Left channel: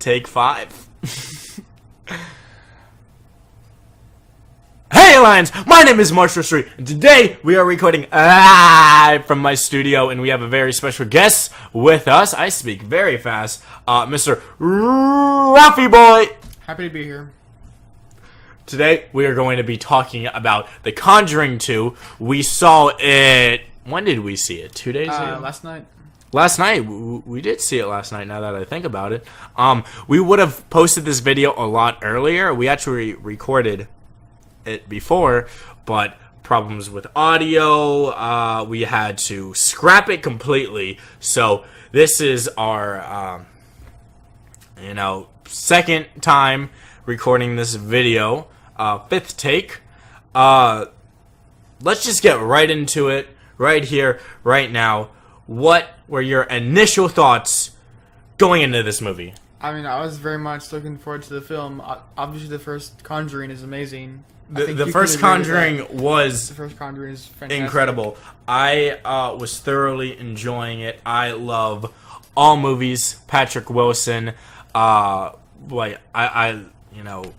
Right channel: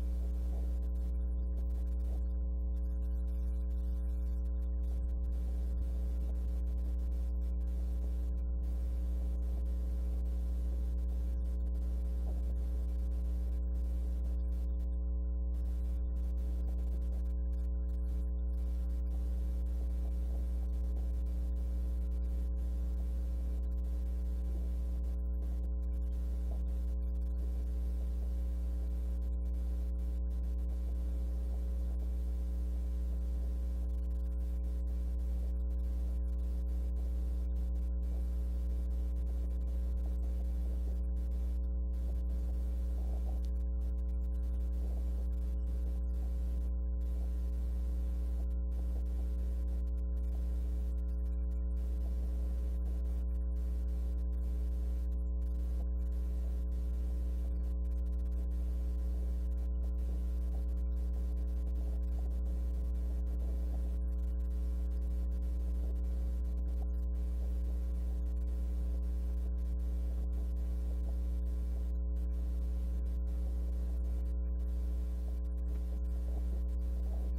Take 5. Hey Lions, my name is Marshall Street, and today we are recording live from my studio, and we have a very special guest with us. I speak very fast, Mr. Ralphie Boy. Happy to be here. Today we are going to be talking about The Conjuring 2. We saw it. When did we see it? 2 days ago? Last night. Last night. We did see it last night, now that I think about it. We would have posted this video a lot earlier. We actually recorded it before, but problems with audio. We had to scrap it completely. So this is our, second time recording this video. 5th take. Let's just get right into it, right here, right now. What were your initial thoughts going into this movie? I mean, I was very much looking forward to the film. Obviously, the first Conjuring is amazing. The first Conjuring was the first Conjuring is fantastic. Incredible. I was thoroughly enjoying it. I love all movies. Patrick Wilson. Even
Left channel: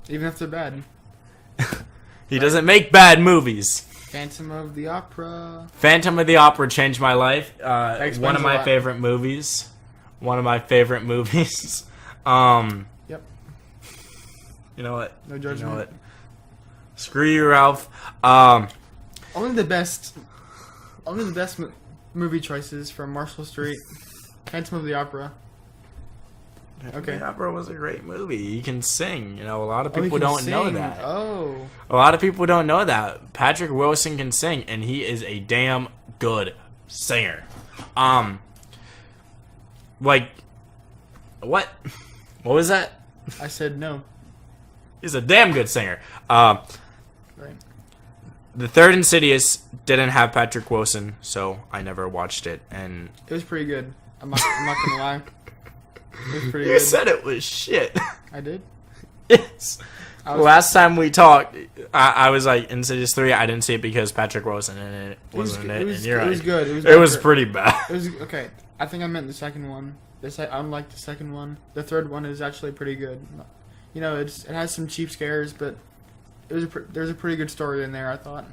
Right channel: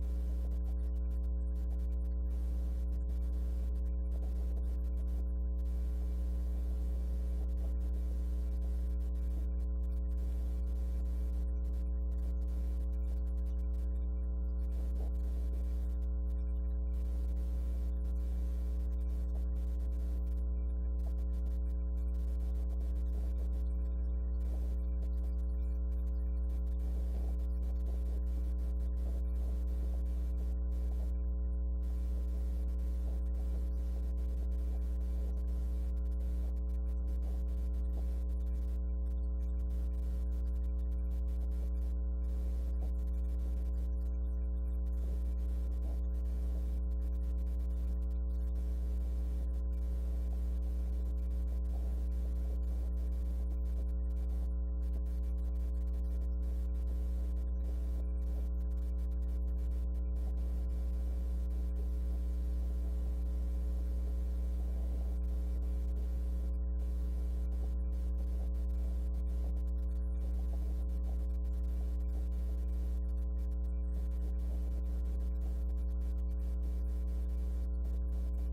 if they're bad. He doesn't make bad movies. Phantom of the Opera. Phantom of the Opera changed my life. One of my lot. favorite movies. One of my favorite movies. Yep. You know what? No judgment. You know what? Screw you, Ralph. Only the best movie choices from Marshall Street. Phantom of the Opera. Okay. The Opera was a great movie. He can sing. A lot of people don't know that. Oh. A lot of people don't know that. Patrick Wilson can sing, and he is a damn good singer. What? What was that? I said no. He's a damn good singer. Right. The third Insidious didn't have Patrick Wilson, so I never watched it, and it was pretty good. I'm not gonna lie. It was pretty you good. said it was shit. I did. Yes. Last time we talked, I was like, Insidious 3, I didn't see it because Patrick Wilson in it wasn't in it. It was good. It was pretty bad. It was okay. I think I meant the second one. Unlike the second one, the third one is actually pretty good. It has some cheap scares, but there's a pretty good story in there, I thought.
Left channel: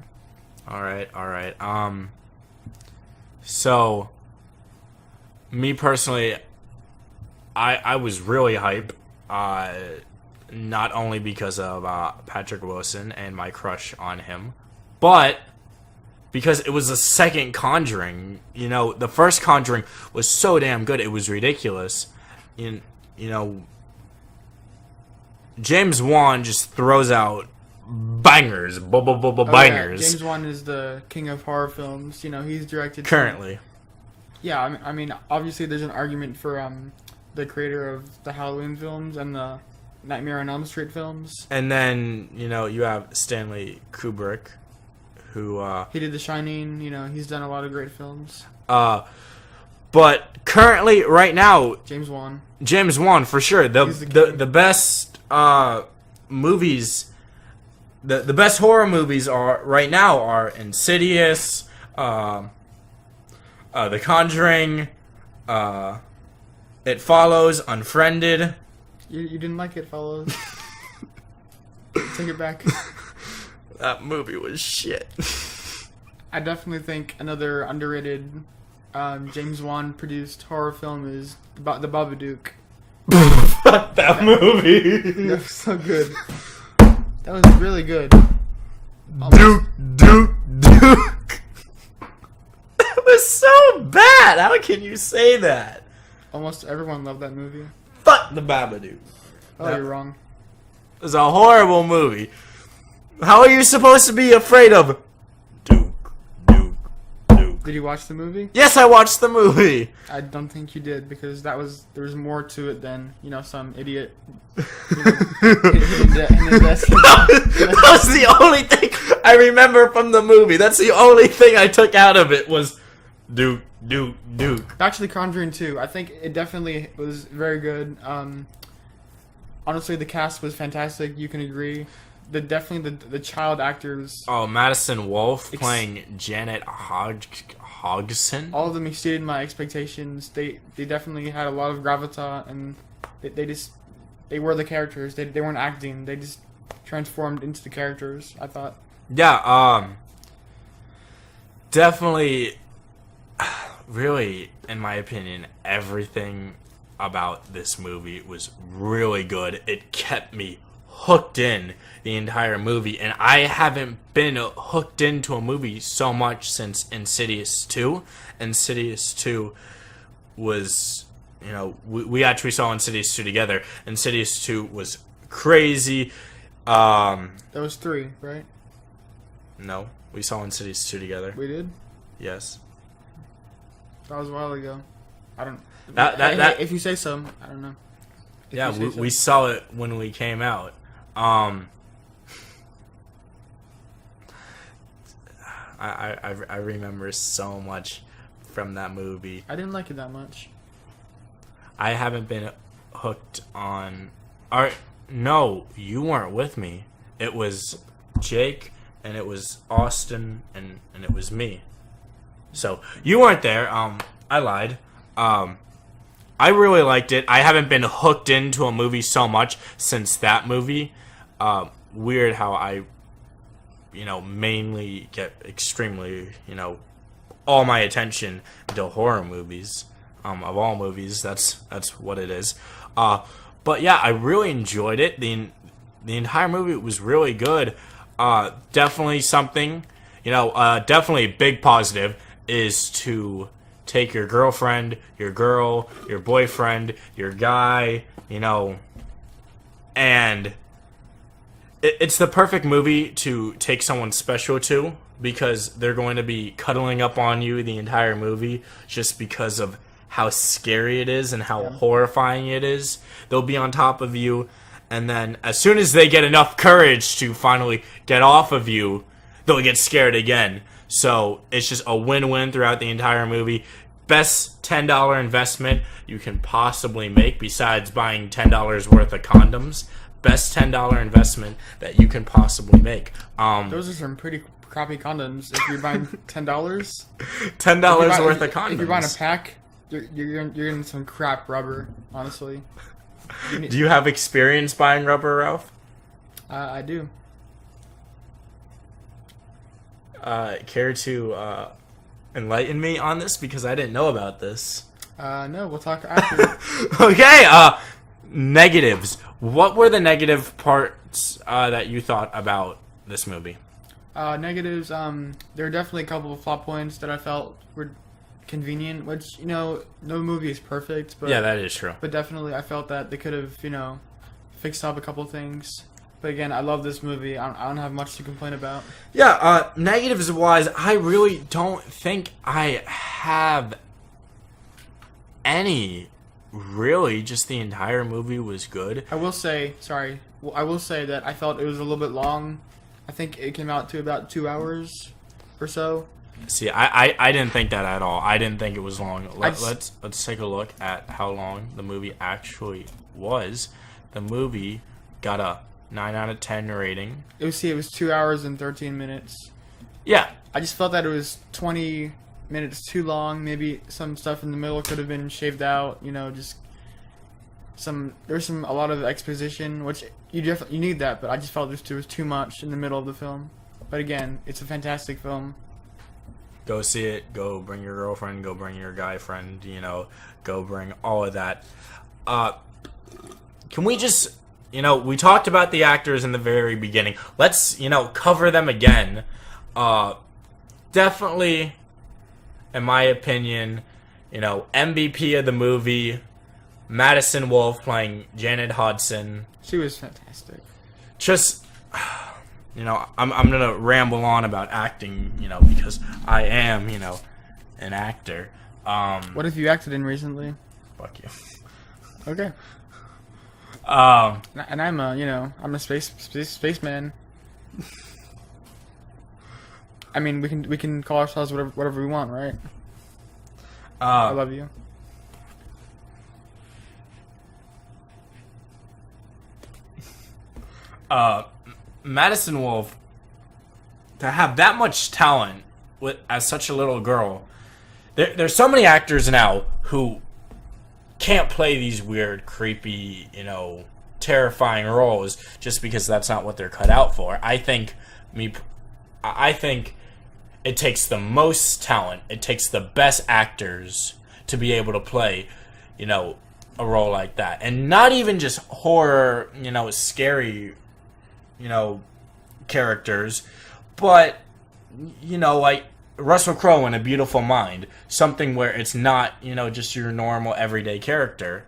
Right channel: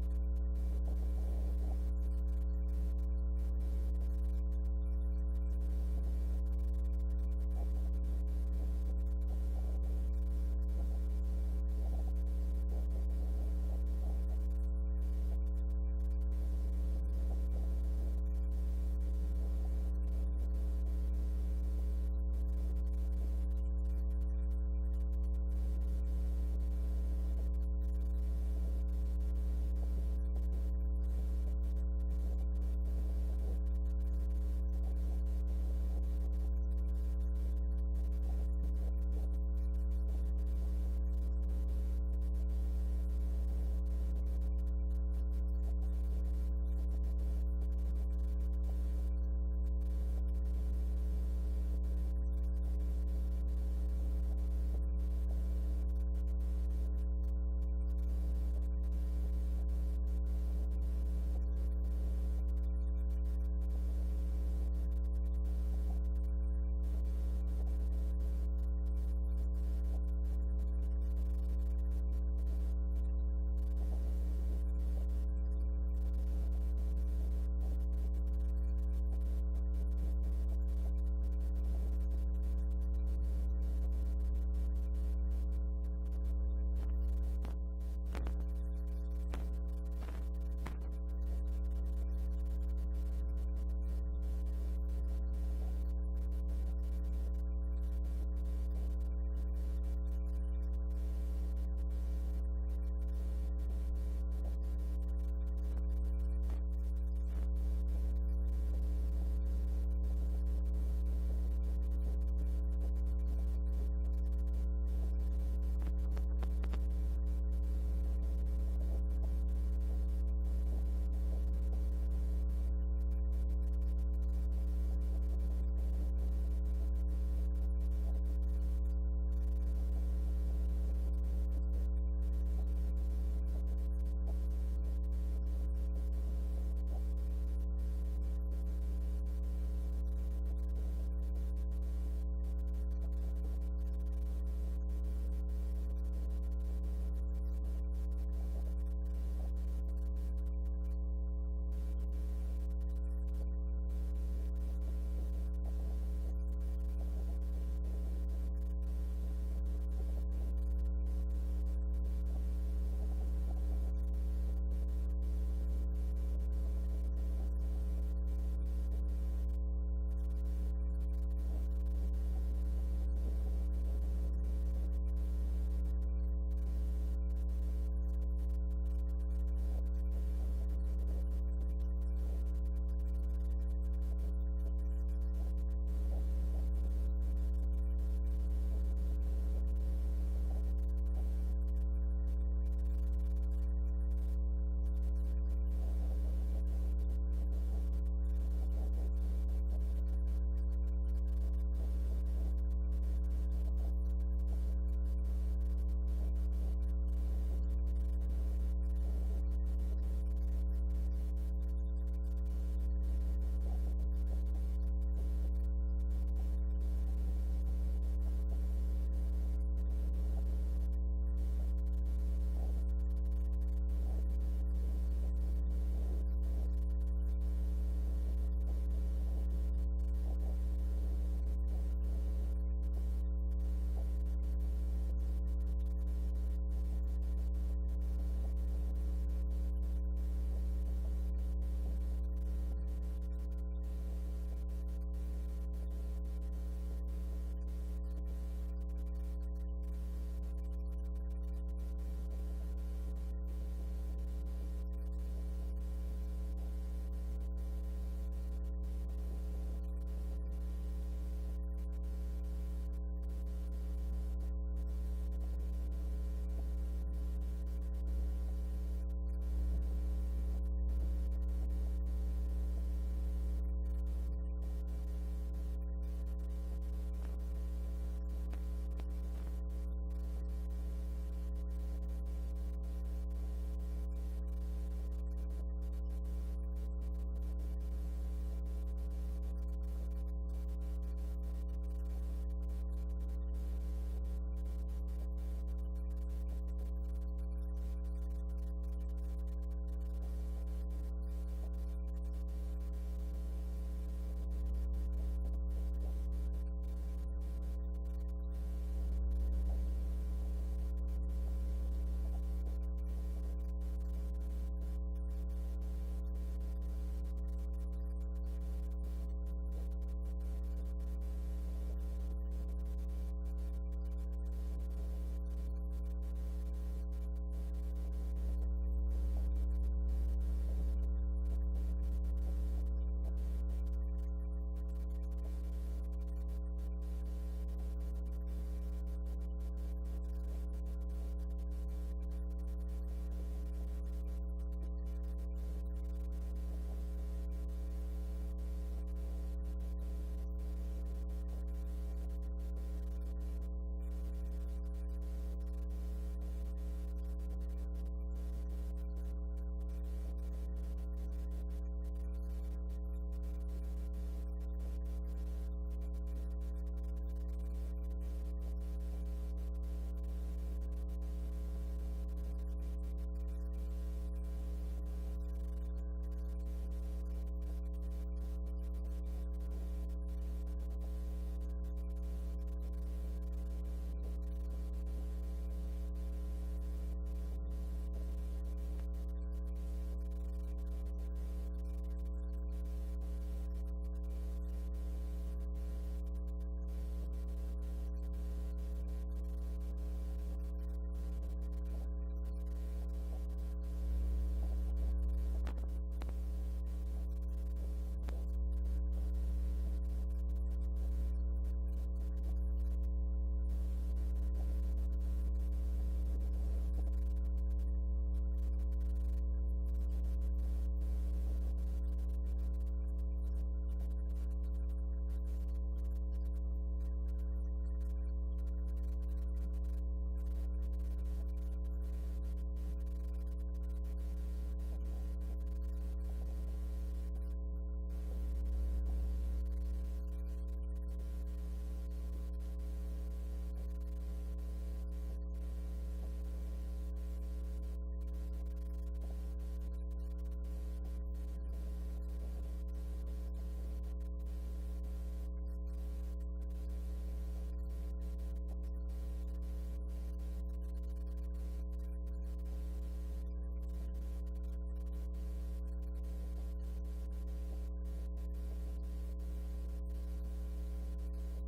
All right. So, me personally, I was really hype. Not only because of Patrick Wilson and my crush on him, but because it was the second Conjuring. The first Conjuring was so damn good, it was ridiculous. James Wan just throws out bangers, bangers. Yeah. James Wan is the king of horror films. He's directed currently. Yeah, I mean, obviously there's an argument for the creator of the Halloween films and the Nightmare on Elm Street films. And then, you have Stanley Kubrick, who he did The Shining. He's done a lot of great films. But currently, right now, James Wan for sure. The best movies, the best horror movies right now are Insidious, The Conjuring, It Follows, Unfriended. You didn't like It Follows? Take it back. That movie was shit. I definitely think another underrated James Wan produced horror film is The Babadook. Fuck that movie. That was so good. That was really good. Duke. That was so bad. How can you say that? Almost everyone loved that movie. Fuck The Babadook. Oh, you're wrong. It was a horrible movie. How are you supposed to be afraid of Duke? Did you watch the movie? Yes, I watched the movie. I don't think you did, because there was more to it than some idiot. That was the only thing I remember from the movie. That's the only thing I took out of it was Duke. Actually, Conjuring 2, I think it definitely was very good. Honestly, the cast was fantastic. You can agree. The child actors. Oh, Madison Wolfe playing Janet Hodgson. All of them exceeded my expectations. They definitely had a lot of gravitas, and they just they were the characters. They weren't acting. They just transformed into the characters, I thought. Yeah, definitely, really, in my opinion, everything about this movie was really good. It kept me hooked in the entire movie, and I haven't been hooked into a movie so much since Insidious 2. Insidious 2 was, we actually saw Insidious 2 together. Insidious 2 was crazy. That was 3, right? No, we saw Insidious 2 together. We did? Yes. That was a while ago. I don't... That if you say so, I don't know. Yeah, we saw it when we came out. I remember so much from that movie. I didn't like it that much. I haven't been hooked on... No, you weren't with me. It was Jake, and it was Austin, and it was me. So, you weren't there. I lied. I really liked it. I haven't been hooked into a movie so much since that movie. Weird how I, mainly get extremely, all my attention to horror movies. Of all movies, that's what it is. But yeah, I really enjoyed it. The entire movie was really good. Definitely something, definitely a big positive is to take your girlfriend, your girl, your boyfriend, your guy, and it's the perfect movie to take someone special to, because they're going to be cuddling up on you the entire movie just because of how scary it is and how horrifying it is. They'll be on top of you, and then as soon as they get enough courage to finally get off of you, they'll get scared again. So it's just a win-win throughout the entire movie. Best $10 investment you can possibly make besides buying $10 worth of condoms. Best $10 investment that you can possibly make. Those are some pretty crappy condoms. If you're buying $10, $10 worth of condoms. If you're buying a pack, you're getting some crap rubber. Honestly. Do you have experience buying rubber, Ralph? I do. Care to enlighten me on this, because I didn't know about this? No, we'll talk after. Okay, negatives. What were the negative parts that you thought about this movie? Negatives, there are definitely a couple of plot points that I felt were convenient, which, no movie is perfect, but... Yeah, that is true. But definitely I felt that they could have, fixed up a couple of things. But again, I love this movie. I don't have much to complain about. Yeah, negatives-wise, I really don't think I have any. Really, just the entire movie was good. I will say that I felt it was a little bit long. I think it came out to about 2 hours or so. See, I didn't think that at all. I didn't think it was long. Let's take a look at how long the movie actually was. The movie got a 9 out of 10 rating. It was 2 hours and 13 minutes. Yeah. I just felt that it was 20 minutes too long. Maybe some stuff in the middle could have been shaved out. Just there's a lot of exposition, which you need that. But I just felt there was too much in the middle of the film. But again, it's a fantastic film. Go see it. Go bring your girlfriend. Go bring your guy friend. Go bring all of that. Can we just... we talked about the actors in the very beginning. Let's, cover them again. Definitely, in my opinion, MVP of the movie, Madison Wolfe playing Janet Hudson. She was fantastic. Just, I'm going to ramble on about acting, because I am, an actor. What have you acted in recently? Fuck you. Okay. And I'm a spaceman. I mean, we can call ourselves whatever we want, right? I love you. Madison Wolfe, to have that much talent as such a little girl, there's so many actors now who can't play these weird, creepy, terrifying roles just because that's not what they're cut out for. I think it takes the most talent. It takes the best actors to be able to play, a role like that. And not even just horror, scary, characters, but, like Russell Crowe in A Beautiful Mind. Something where it's not, just your normal everyday character.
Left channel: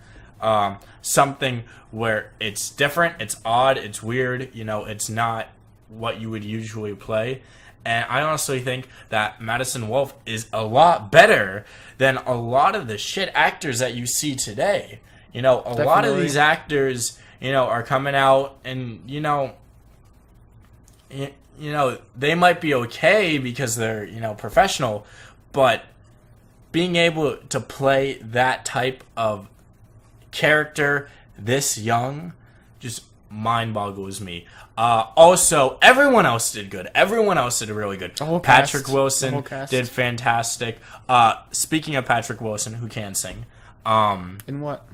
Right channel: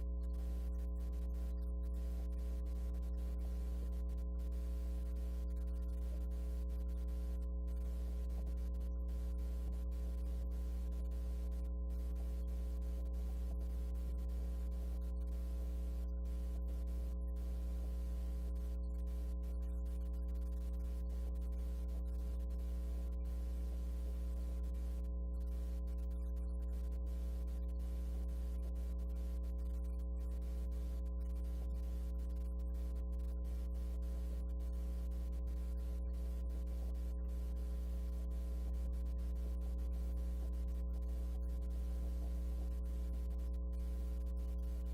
Something where it's different, it's odd, it's weird, it's not what you would usually play. And I honestly think that Madison Wolfe is a lot better than a lot of the shit actors that you see today. A lot of these actors, are coming out and, they might be okay because they're, professional, but being able to play that type of character this young just mind boggles me. Also, everyone else did good. Everyone else did really good. Patrick Wilson did fantastic. Speaking of Patrick Wilson, who can sing. In what?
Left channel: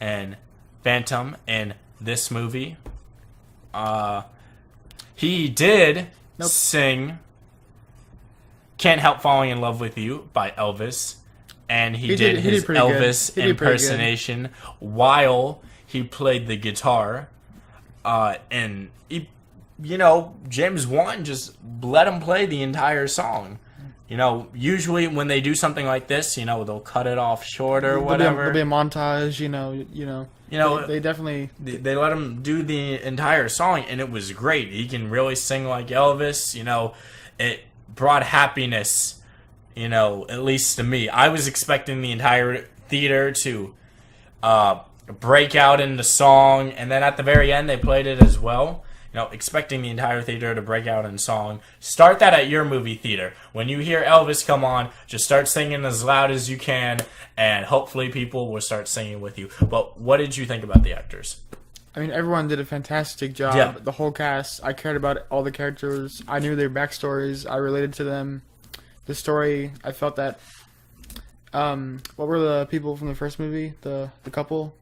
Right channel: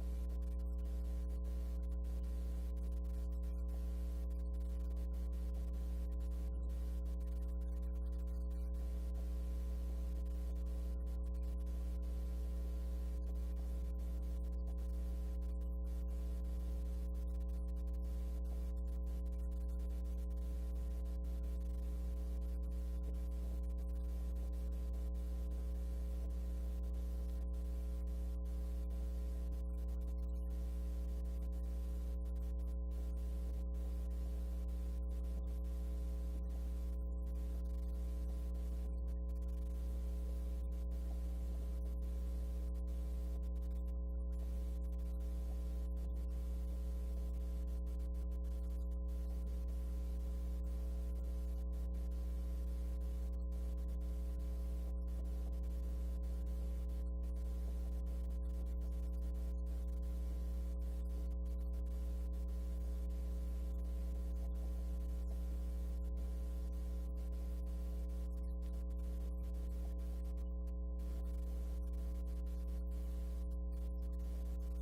And Phantom in this movie. He did sing Can't Help Falling in Love with You by Elvis. And he did his Elvis impersonation while he played the guitar. And he, James Wan just let him play the entire song. Usually when they do something like this, they'll cut it off short or whatever. There'll be a montage, they definitely they let him do the entire song, and it was great. He can really sing like Elvis. It brought happiness. At least to me. I was expecting the entire theater to break out into song, and then at the very end they played it as well. Expecting the entire theater to break out in song. Start that at your movie theater. When you hear Elvis come on, just start singing as loud as you can, and hopefully people will start singing with you. But what did you think about the actors? I mean, everyone did a fantastic job. Yeah. The whole cast. I cared about all the characters. I knew their backstories. I related to them. The story, I felt that. What were the people from the first movie? The couple,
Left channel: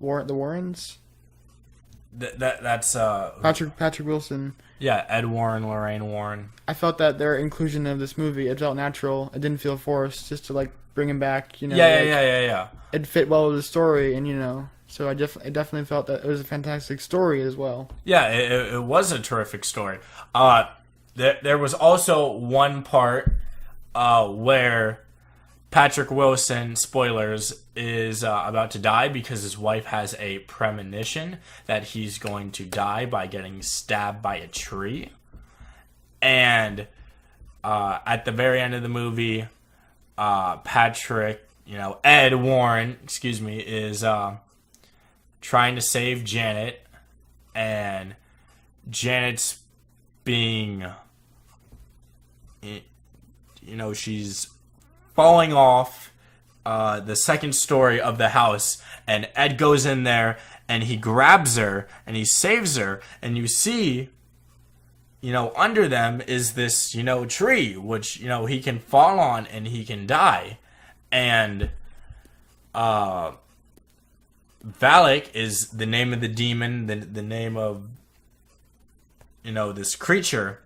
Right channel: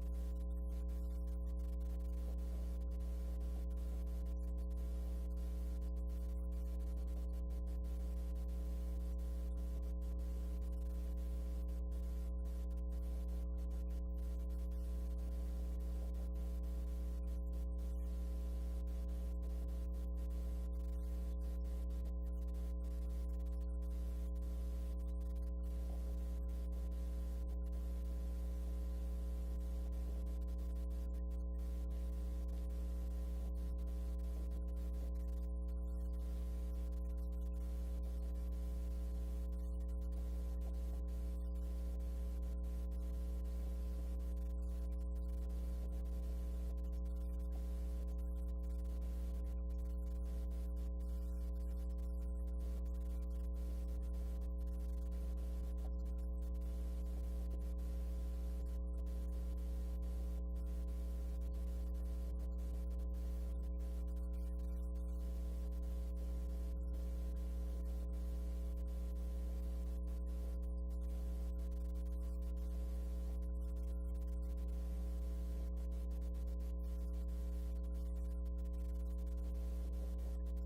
the Warrens. That's Patrick Wilson. Yeah, Ed Warren, Lorraine Warren. I felt that their inclusion of this movie, it felt natural. It didn't feel forced, just to bring him back. Yeah. It fit well with the story, and so I definitely felt that it was a fantastic story as well. Yeah, it was a terrific story. There was also one part where Patrick Wilson, spoilers, is about to die because his wife has a premonition that he's going to die by getting stabbed by a tree. And at the very end of the movie, Ed Warren, is trying to save Janet, and Janet's being, she's falling off the second story of the house, and Ed goes in there and he grabs her and he saves her, and you see, under them is this, tree, which, he can fall on and he can die. And Valak is the name of the demon, the name of, this creature.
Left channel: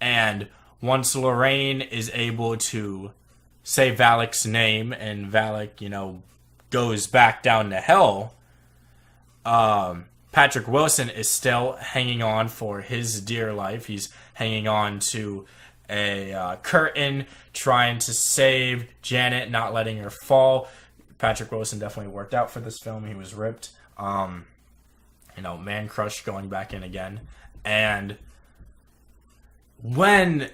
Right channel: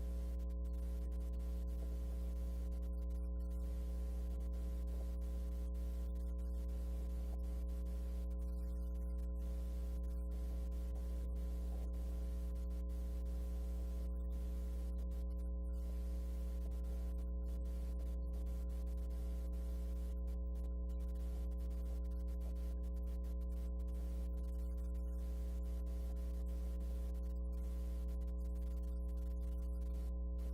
And once Lorraine is able to say Valak's name, and Valak, goes back down to hell, Patrick Wilson is still hanging on for his dear life. He's hanging on to a curtain, trying to save Janet, not letting her fall. Patrick Wilson definitely worked out for this film. He was ripped. Man crush going back in again. And when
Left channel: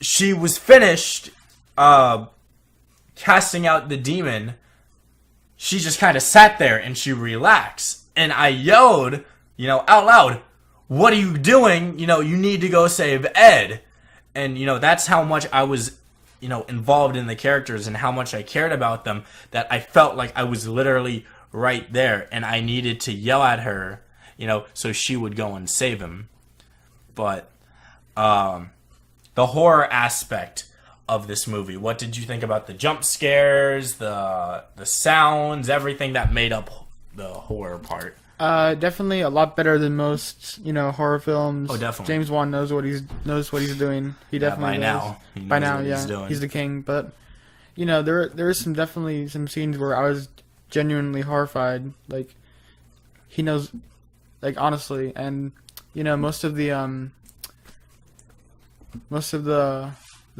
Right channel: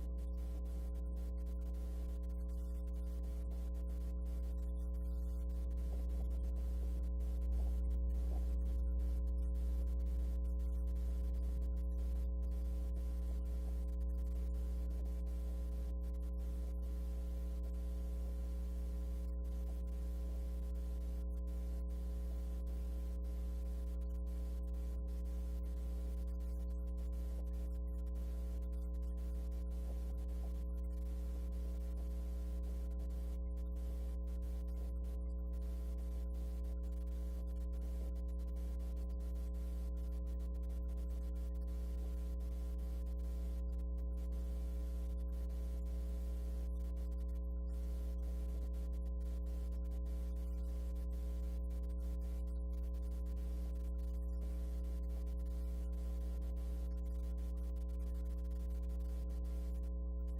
she was finished casting out the demon, she just kind of sat there and she relaxed. And I yelled, out loud, "What are you doing? You need to go save Ed." And, that's how much I was, involved in the characters and how much I cared about them, that I felt like I was literally right there and I needed to yell at her, so she would go and save him. But the horror aspect of this movie, what did you think about the jump scares, the sounds, everything that made up the horror part. Definitely a lot better than most, horror films. Oh, definitely. James Wan knows what he's doing. He definitely does. By now, yeah, he's the king. But there is definitely some scenes where I was genuinely horrified. Like, he knows, like, honestly, and most of the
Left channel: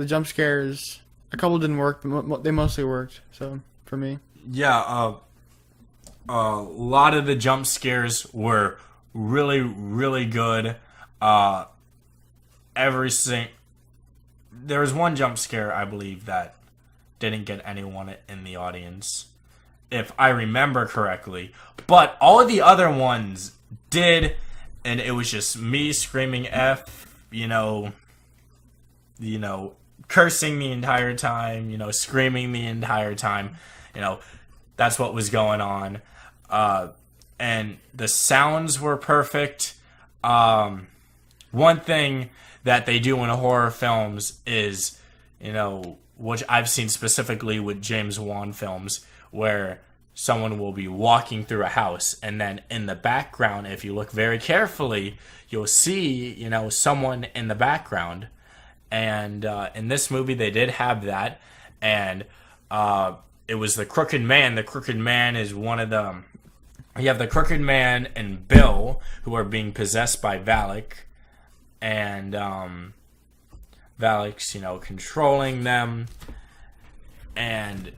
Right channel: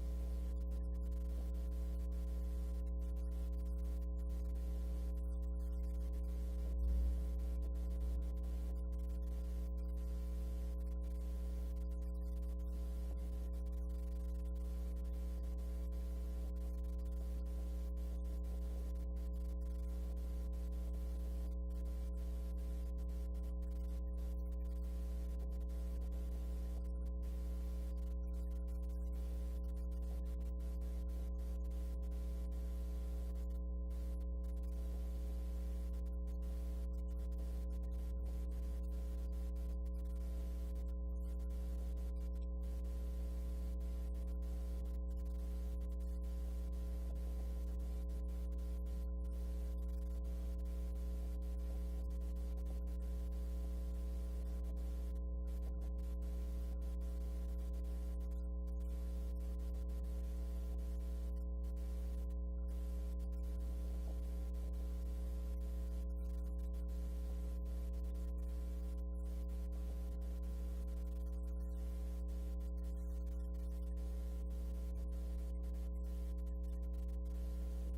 jump scares, a couple didn't work, but they mostly worked. So for me, yeah, a lot of the jump scares were really, really good. There was one jump scare, I believe, that didn't get anyone in the audience, if I remember correctly. But all of the other ones did, and it was just me screaming F, cursing the entire time, screaming the entire time. That's what was going on. And the sounds were perfect. One thing that they do in horror films is, which I've seen specifically with James Wan films, where someone will be walking through a house, and then in the background, if you look very carefully, you'll see, someone in the background. And in this movie, they did have that, and it was the Crooked Man. The Crooked Man is one of them. You have the Crooked Man and Bill, who are being possessed by Valak, and Valak's, controlling them. And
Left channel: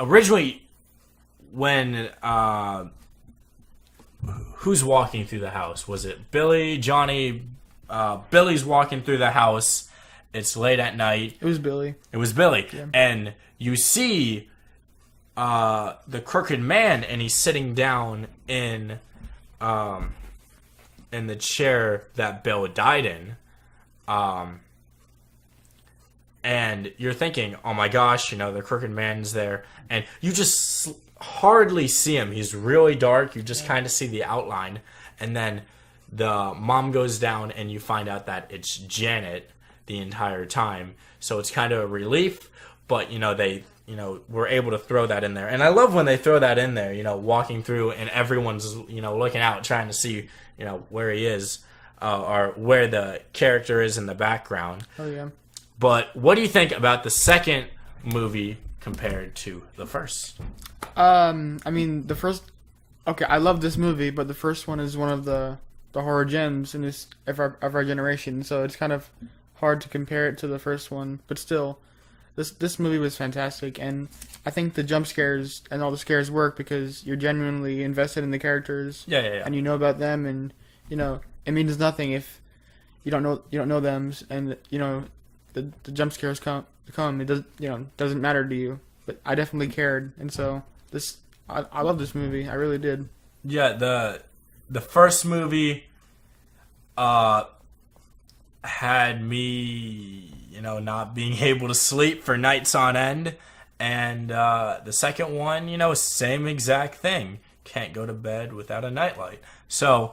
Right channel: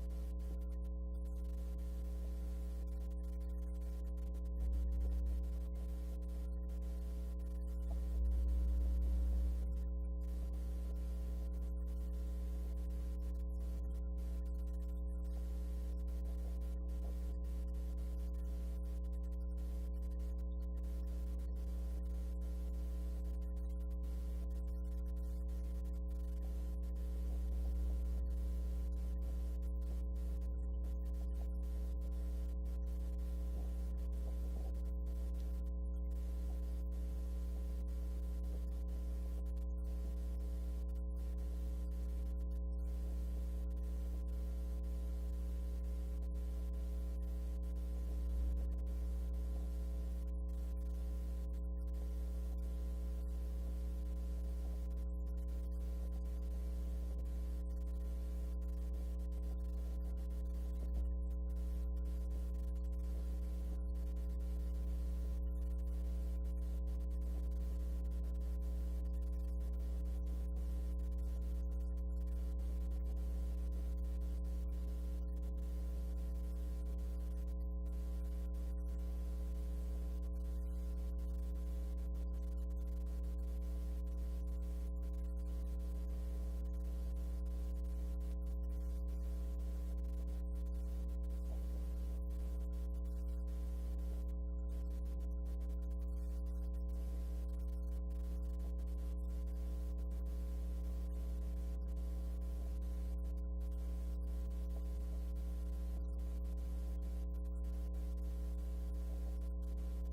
originally, when who's walking through the house? Was it Billy, Johnny? Billy's walking through the house. It's late at night. It was Billy. Yeah. And you see the Crooked Man, and he's sitting down in the chair that Bill died in. And you're thinking, oh my gosh, the Crooked Man's there. And you just hardly see him. He's really dark. You just kind of see the outline. And then the mom goes down, and you find out that it's Janet the entire time. So it's kind of a relief, but they were able to throw that in there. And I love when they throw that in there, walking through, and everyone's looking out trying to see where he is, or where the character is in the background. Oh yeah. But what do you think about the second movie compared to the first? I mean, the first, okay, I love this movie, but the first one is one of the horror gems in this of our generation, so it's kind of hard to compare it to the first one. But still, this movie was fantastic, and I think the jump scares and all the scares work because you're genuinely invested in the characters. Yeah. And you know about them, and it means nothing if you don't know them, and the jump scares come. It does doesn't matter to you. But I definitely cared, and so I love this movie. I really did. Yeah, the first movie had me, not being able to sleep for nights on end. And the second one, same exact thing. Can't go to bed without a nightlight. So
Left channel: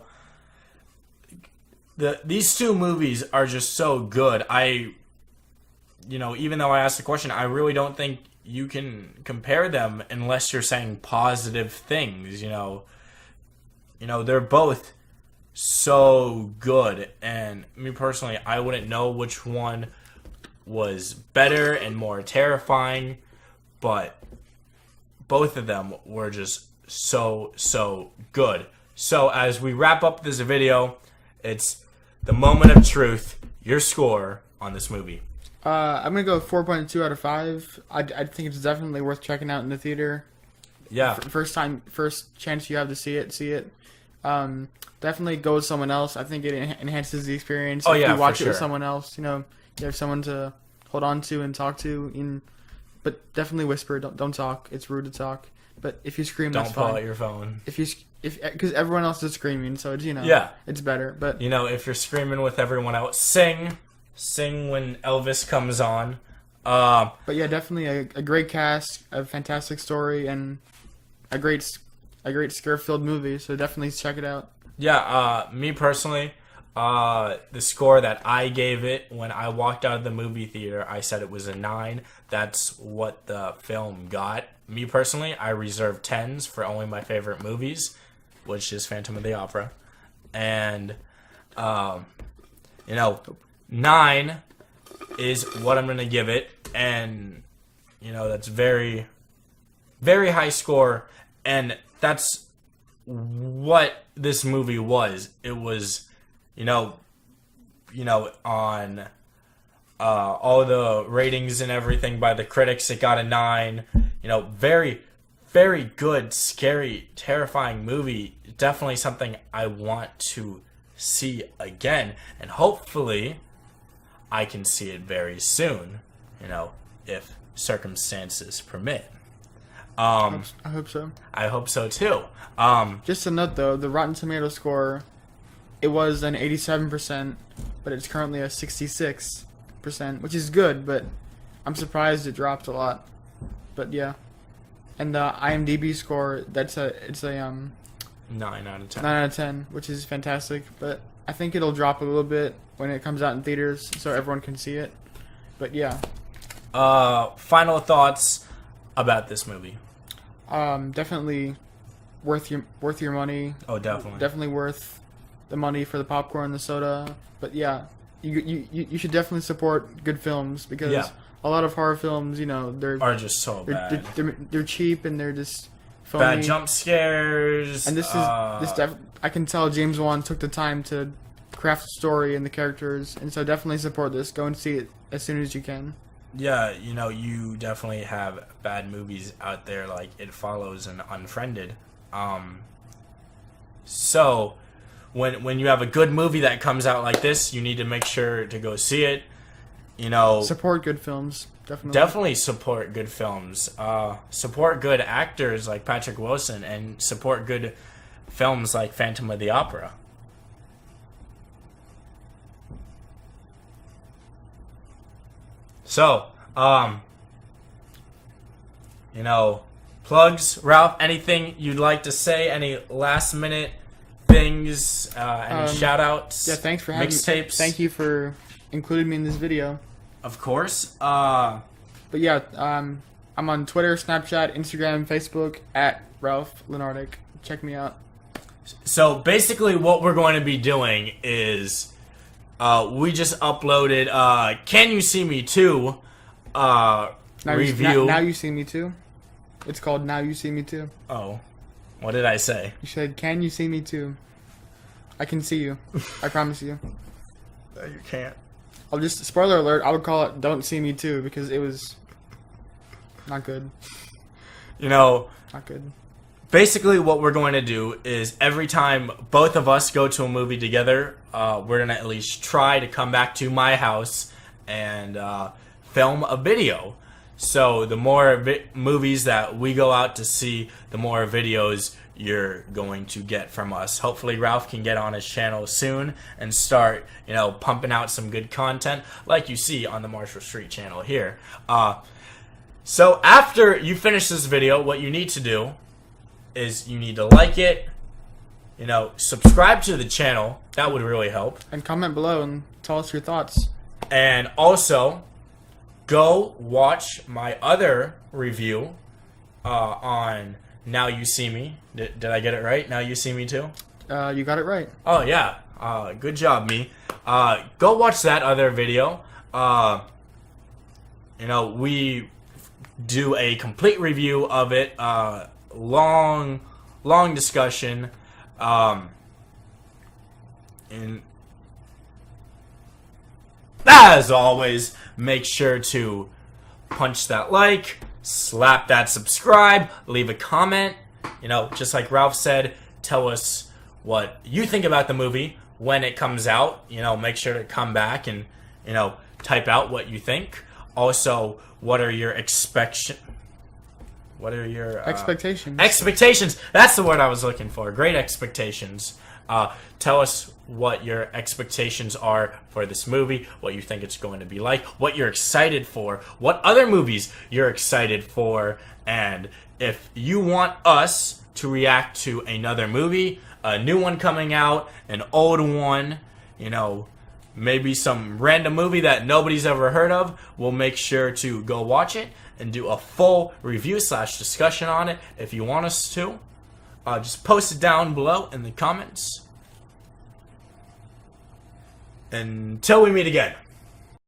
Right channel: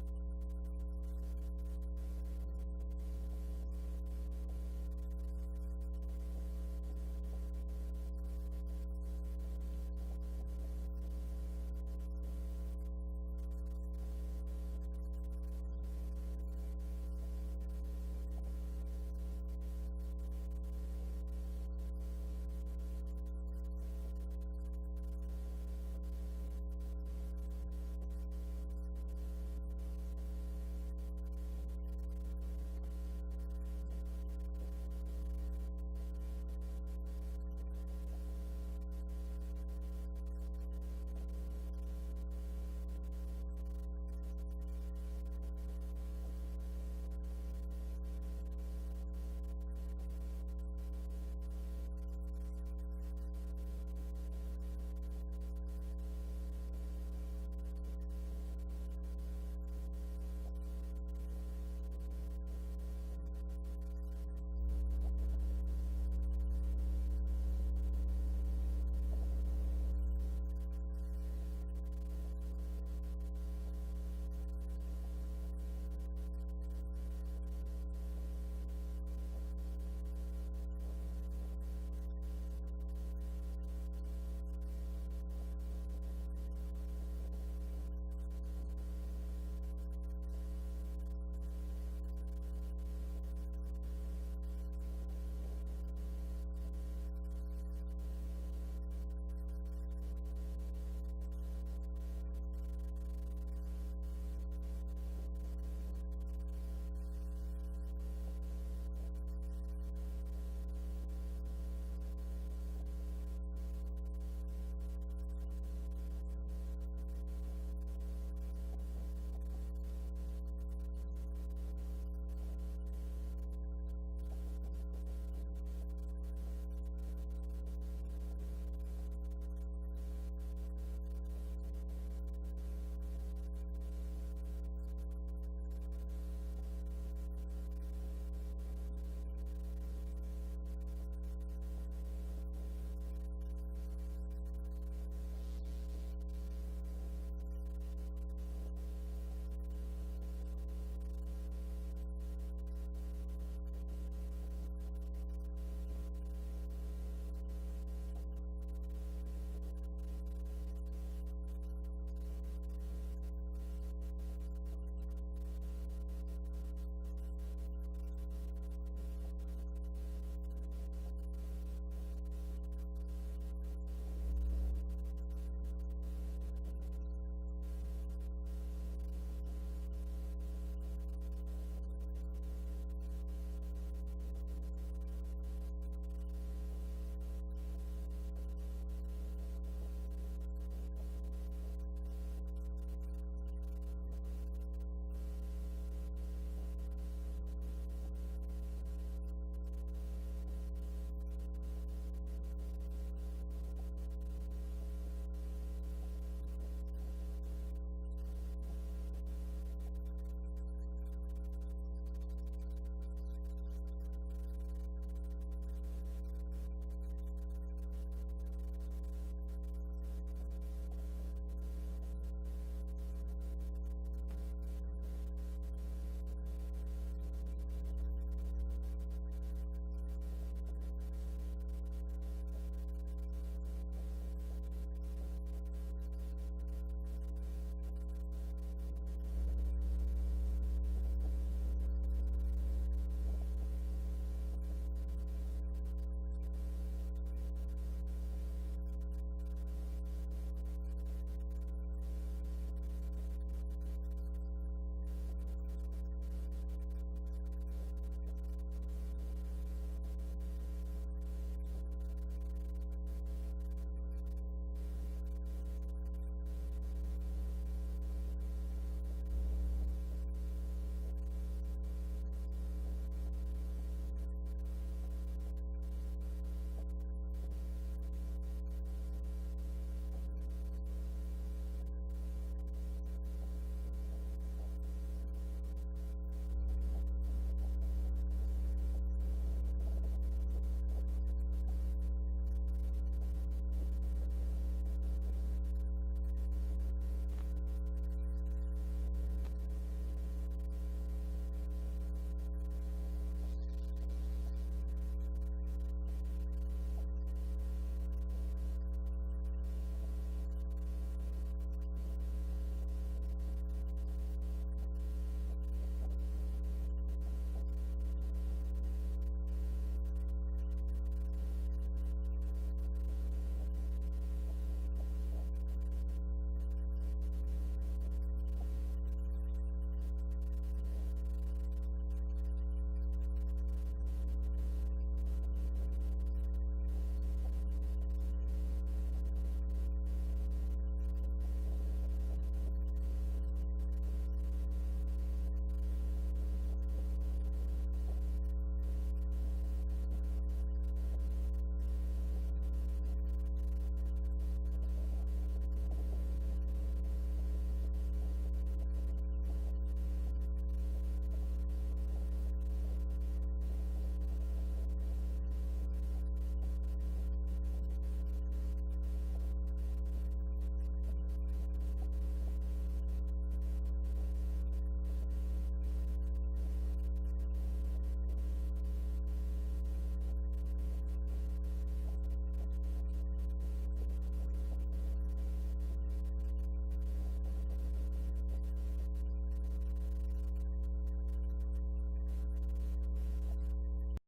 these two movies are just so good. Even though I asked the question, I really don't think you can compare them unless you're saying positive things. They're both so good, and me personally, I wouldn't know which one was better and more terrifying, but both of them were just so good. So as we wrap up this video, it's the moment of truth. Your score on this movie? I'm gonna go 4.2 out of 5. I think it's definitely worth checking out in the theater. Yeah. First chance you have to see it. Definitely go with someone else. I think it enhances the experience. Oh, if yeah, you watch for it with sure. someone else, you have someone to hold on to and talk to. But definitely whisper. Don't talk. It's rude to talk. But if you scream, Don't that's pull fine. out your phone. Because everyone else is screaming, so it's Yeah. it's better. But if you're screaming with everyone else, sing when Elvis comes on. But yeah, definitely a great cast, a fantastic story, and a great scare-filled movie. So definitely check it out. Yeah, me personally, the score that I gave it when I walked out of the movie theater, I said it was a 9. That's what the film got me personally, I reserve 10s for only my favorite movies, which is Phantom of the Opera. And, 9 is what I'm going to give it. And, that's very, very high score. And that's what this movie was. It was, on all the ratings and everything by the critics, it got a 9. Very, very good, scary, terrifying movie. Definitely something I want to see again, and hopefully I can see it very soon, if circumstances permit. I hope so. I hope so too. Just a note though, the Rotten Tomato score, it was an 87%, but it's currently a 66%, which is good, but I'm surprised it dropped a lot. But yeah. And the IMDb score, it's a 9 out of 10. 9 out of 10, which is fantastic, but I think it'll drop a little bit when it comes out in theaters so everyone can see it. But yeah. Final thoughts about this movie. Definitely worth your money. Oh, definitely. Definitely worth the money for the popcorn, the soda. But yeah, you should definitely support good films because a lot of horror films, are just so bad. They're cheap and they're just phony. Bad jump scares. And I can tell James Wan took the time to craft the story and the characters, and so definitely support this. Go and see it as soon as you can. Yeah, you definitely have bad movies out there like It Follows and Unfriended. So when you have a good movie that comes out like this, you need to make sure to go see it. Support good films. Definitely support good films. Support good actors like Patrick Wilson, and support good films like Phantom of the Opera. So, plugs, Ralph, anything you'd like to say? Any last minute things? Any shout outs? Yeah, thanks for having me. Mixtapes? Thank you for including me in this video. Of course. But yeah, I'm on Twitter, Snapchat, Instagram, Facebook at Ralph Lenardic. Check me out. So basically what we're going to be doing is we just uploaded Can You See Me Too review. Now You See Me Too? It's called Now You See Me Too. Oh. What did I say? You said, Can You See Me Too? I can see you. I promise you. No, you can't. I'll just, spoiler alert, I would call it Don't See Me Too because it was not good. Not good. Basically what we're going to do is every time both of us go to a movie together, we're going to at least try to come back to my house and film a video. So the more movies that we go out to see, the more videos you're going to get from us. Hopefully Ralph can get on his channel soon and start, pumping out some good content like you see on the Marshall Street channel here. So after you finish this video, what you need to do is you need to like it, subscribe to the channel. That would really help. And comment below and tell us your thoughts. And also, go watch my other review on Now You See Me. Did I get it right? Now You See Me Too? You got it right. Oh, yeah. Good job, me. Go watch that other video. We do a complete review of it. Long discussion. And as always, make sure to punch that like, slap that subscribe, leave a comment. Just like Ralph said, tell us what you think about the movie when it comes out. Make sure to come back and, type out what you think. Also, what are your expectations? Expectations. That's the word I was looking for. Great expectations. Tell us what your expectations are for this movie, what you think it's going to be like, what you're excited for, what other movies you're excited for, and if you want us to react to another movie, a new one coming out, an old one, maybe some random movie that nobody's ever heard of, we'll make sure to go watch it and do a full review / discussion on it. If you want us to, just post it down below in the comments. Until we meet again.